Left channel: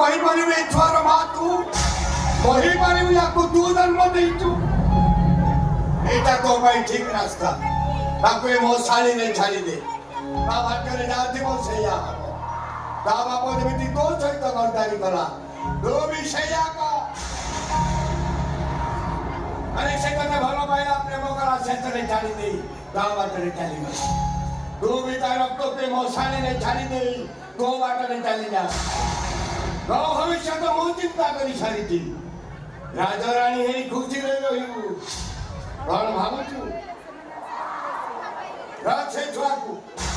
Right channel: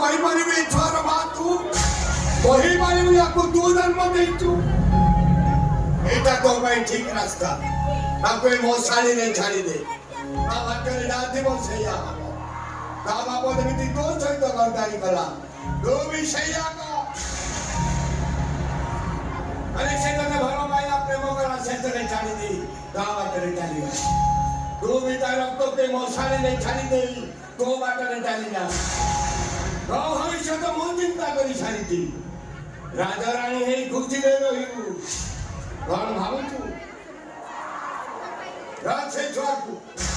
କହିପାରିବି ଏ ଛୁଆର ମା ତୁ କହିପାରିବୁ ୟାକୁ ତୁ ଜନ୍ମ ଦେଇଛୁ ଏଇଟା ତୋ ପାଇଁ ଠିକ ରାସ୍ତା ତାକୁ ଏ ମୋ ଶାଳୀରେ ଛାଡ଼ିଦେ ତା ଭାଗ୍ୟରେ ଯାହା ଥିବ ସେଇଆ ହବ ତା ବାପ ଯେମିତି ତୋ ସହିତ ଗଦ୍ଦାରି କଲା ତୁ ବି ସେଇଆ କର अरे से कने भलो पाया प्रेम करा सेतरे छाड़ी दे ता बाटरे चाली तू भी तार रक्त पे मोसाले ने छाड़ी दे तो बाटरे चाली जा गाँव भविष्य तो मु चिंता करी सारी थी राजा रानी हे खुशी रे रहिबु कोन भाबछु राज से छुआ को